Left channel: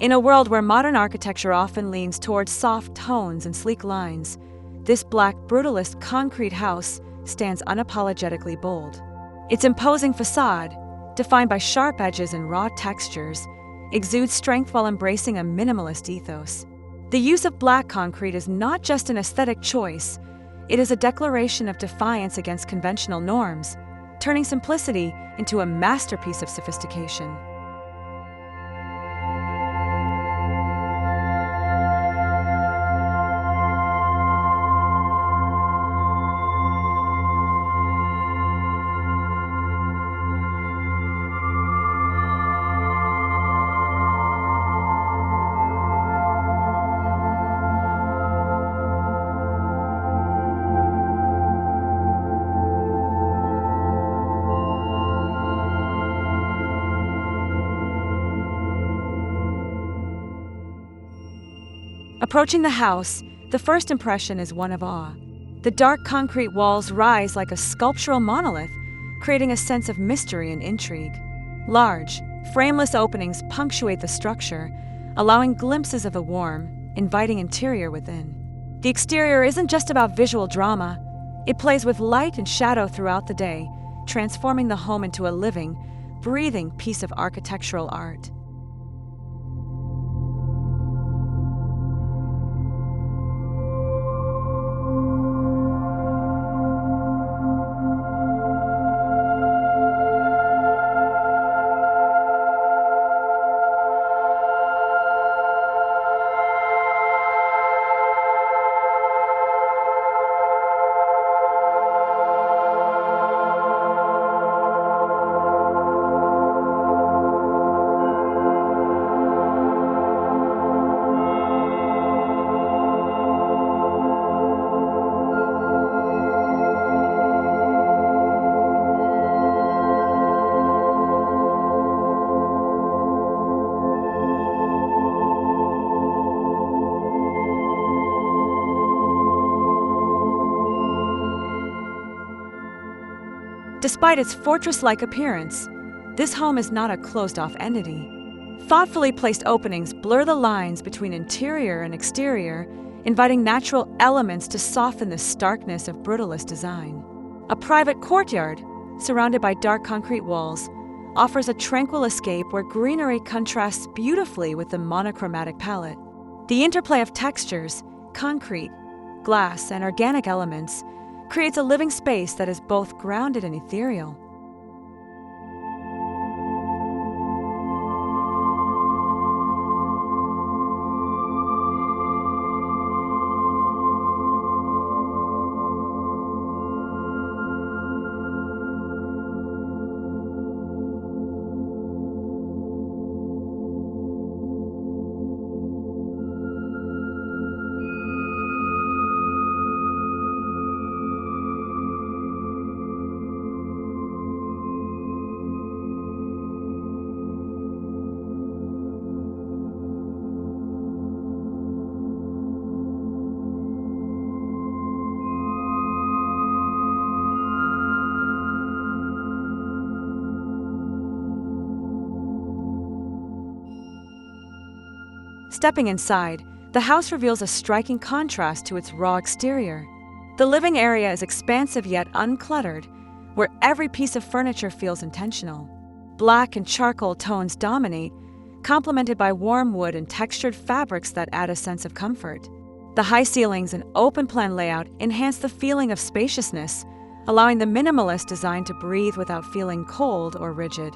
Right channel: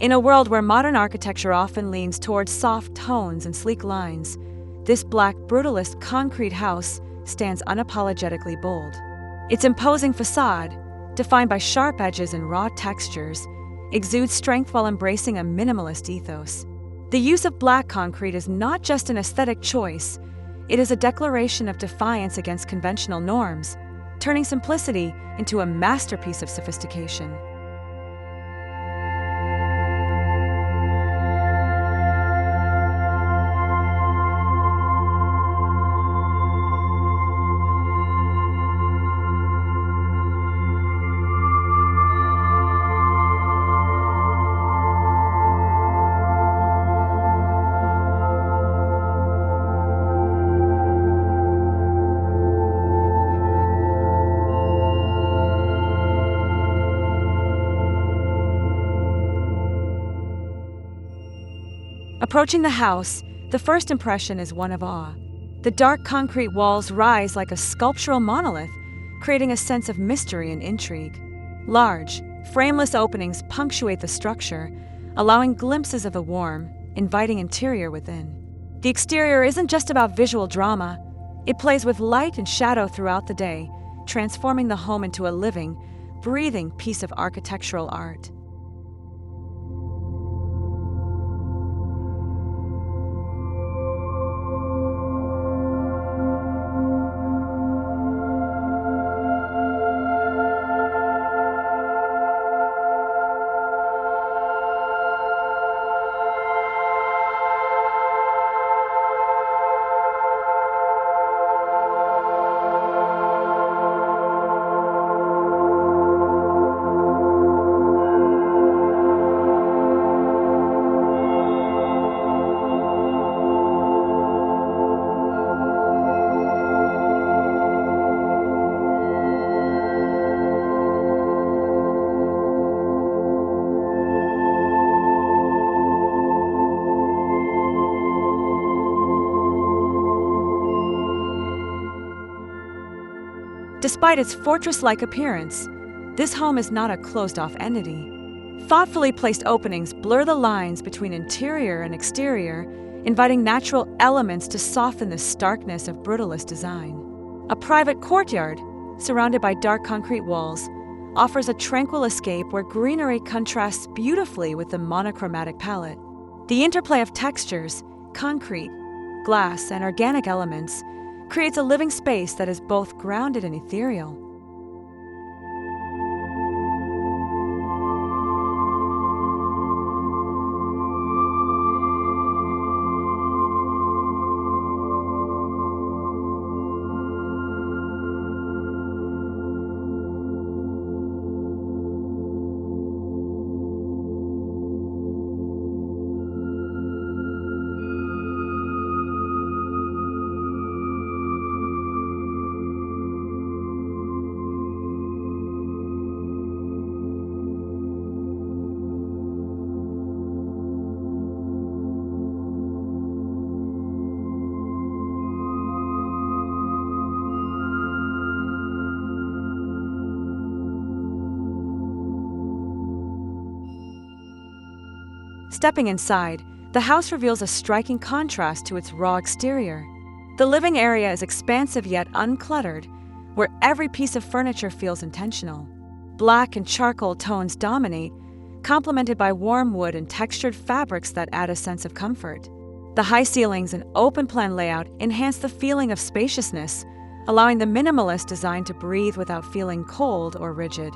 In a world where modern architecture often leans towards soft tones and sleek lines, this black brutalist concrete house stands unapologetically bold. Its imposing facade, defined by sharp edges and raw textures, exudes strength while embracing a minimalist ethos. The use of black concrete is not just an aesthetic choice, it is a declaration of defiance against conventional norms, turning simplicity into a masterpiece of sophistication. Approaching the house, the first impression is one of awe. The dark concrete walls rise like a sculptural monolith, creating a sense of mystery and intrigue. Large, frameless openings punctuate the structure, allowing glimpses of a warm, inviting interior within. The exterior isn't just about visual drama, it plays with light and shadow throughout the day, transforming the home into a living, breathing piece of architectural art. Despite its fortress-like appearance, this home is not a closed-off entity. Thoughtfully placed openings blur the lines between interior and exterior, inviting natural elements to soften the starkness of brutalist design. A private courtyard, surrounded by dark concrete walls, offers a tranquil escape where greenery contrasts beautifully with the monochromatic palette. The interplay of textures, concrete, glass, and organic elements creates a living space that is both grounded and ethereal. Stepping inside, the house reveals a striking contrast to its raw exterior. The living area is expansive yet uncluttered, where every piece of furniture feels intentional. Black and charcoal tones dominate, complemented by warm wood and textured fabrics that add a sense of comfort. The high ceilings and open-plan layout enhance the feeling of spaciousness, allowing the minimalist design to breathe without feeling cold or rigid.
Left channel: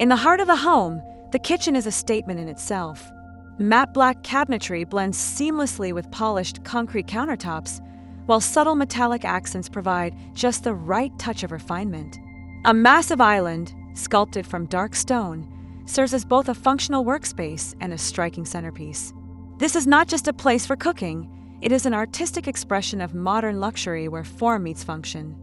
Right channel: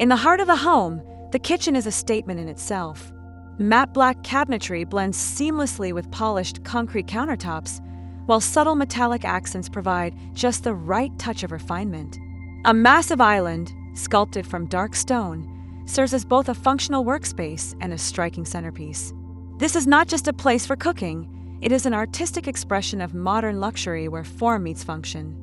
In the heart of the home, the kitchen is a statement in itself. Matte black cabinetry blends seamlessly with polished concrete countertops, while subtle metallic accents provide just the right touch of refinement. A massive island, sculpted from dark stone, serves as both a functional workspace and a striking centerpiece. This is not just a place for cooking, it is an artistic expression of modern luxury where form meets function.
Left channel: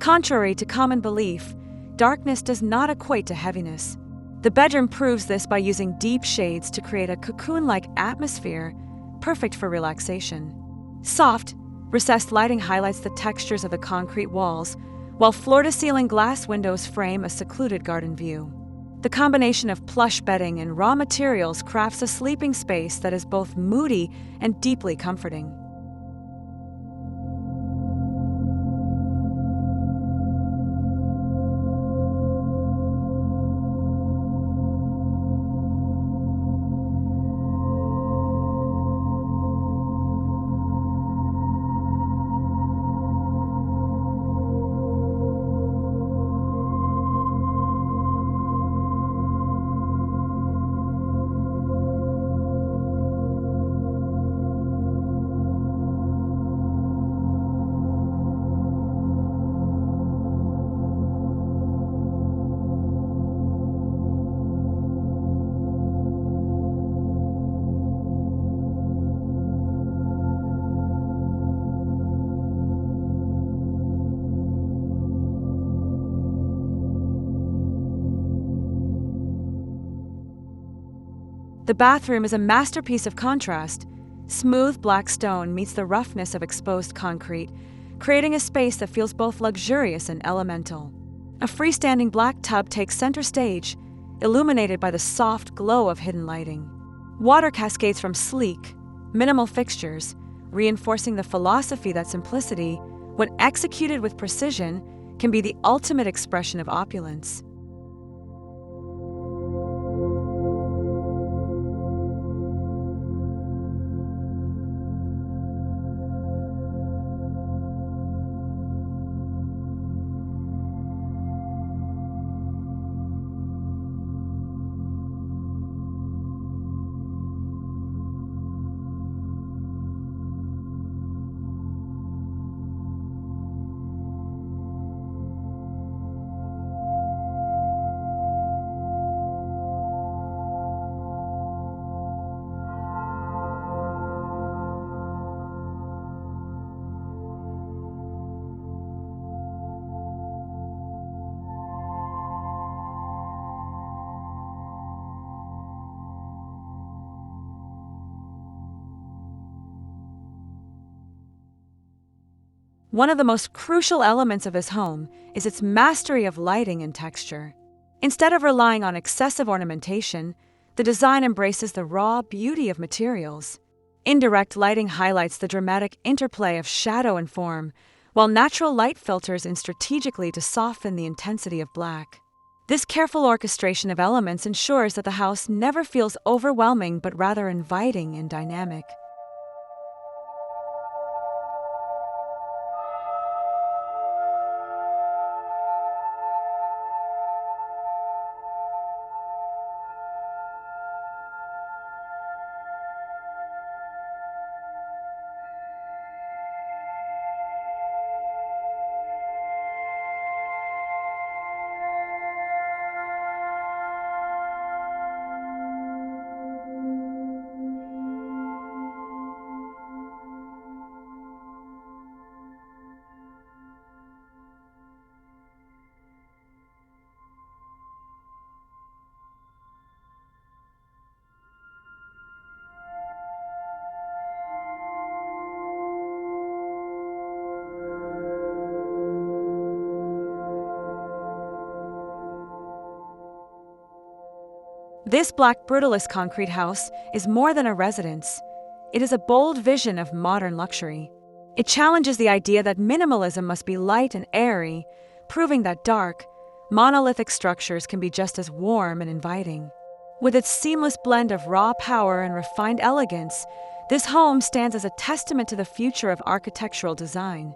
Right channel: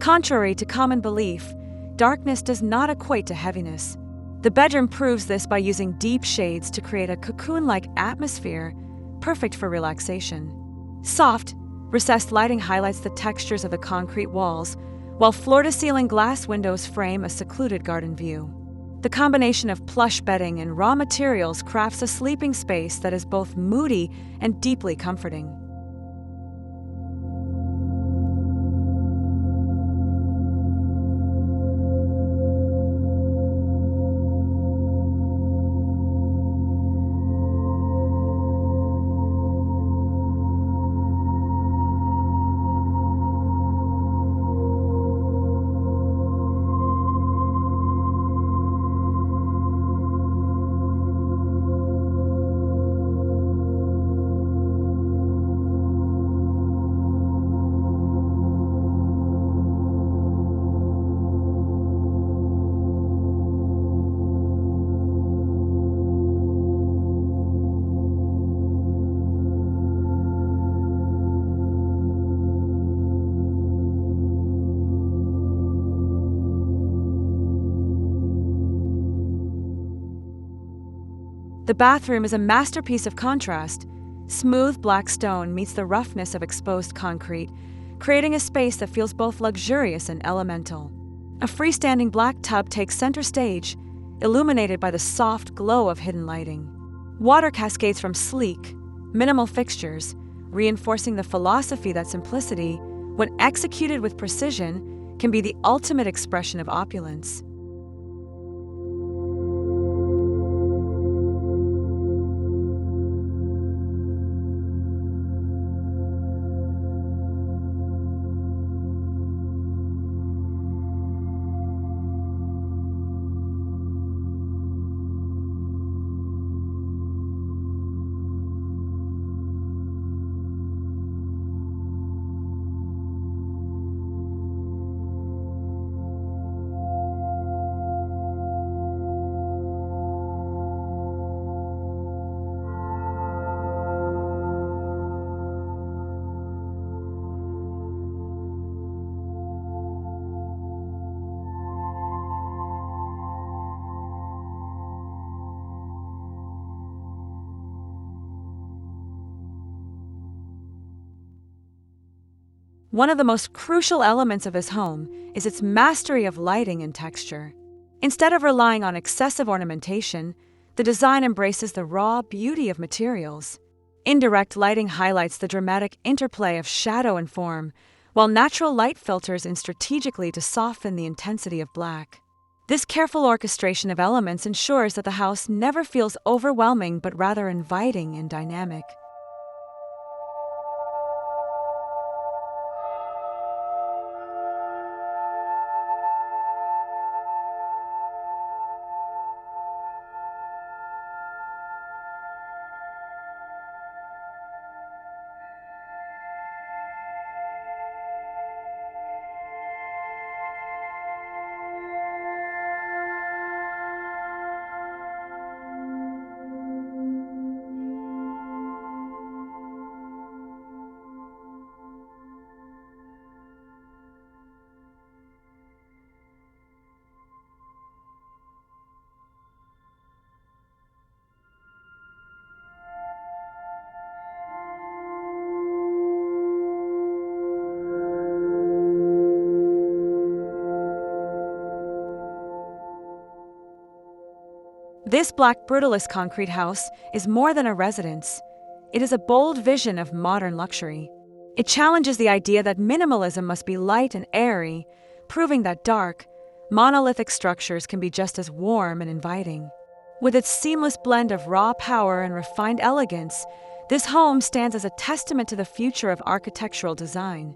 Contrary to common belief, darkness does not equate to heaviness. The bedroom proves this by using deep shades to create a cocoon-like atmosphere, perfect for relaxation. Soft, recessed lighting highlights the textures of the concrete walls, while floor-to-ceiling glass windows frame a secluded garden view. The combination of plush bedding and raw materials crafts a sleeping space that is both moody and deeply comforting. The bathroom is a masterpiece of contrast. Smooth black stone meets the roughness of exposed concrete, creating a space that feels both luxurious and elemental. A freestanding black tub takes center stage, illuminated by the soft glow of hidden lighting. Water cascades from sleek, minimal fixtures, reinforcing the philosophy that simplicity, when executed with precision, can be the ultimate expression of opulence. One of the most crucial elements of his home is its mastery of lighting and texture. Instead of relying on excessive ornamentation, the design embraces the raw beauty of materials. Indirect lighting highlights the dramatic interplay of shadow and form, while natural light filters in strategically to soften the intensity of black. This careful orchestration of elements ensures that the house never feels overwhelming but rather inviting and dynamic. This black Brutalist concrete house is more than a residence. It is a bold vision of modern luxury. It challenges the idea that minimalism must be light and airy, proving that dark, monolithic structures can be just as warm and inviting. With its seamless blend of raw power and refined elegance, this home stands as a testament to the future of architectural design,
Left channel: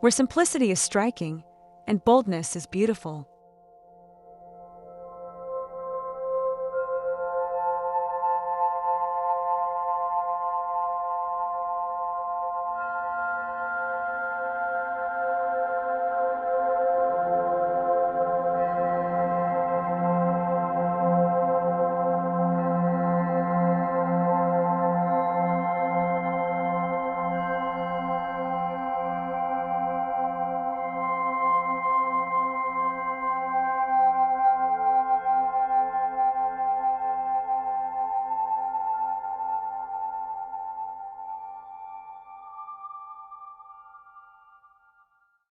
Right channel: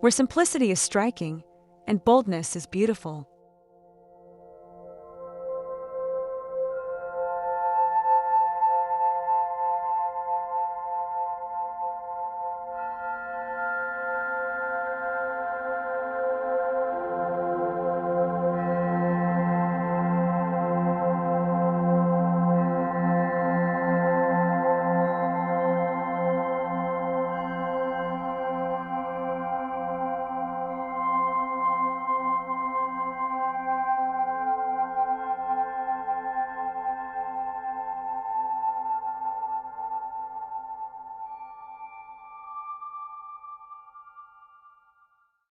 where simplicity is striking and boldness is beautiful.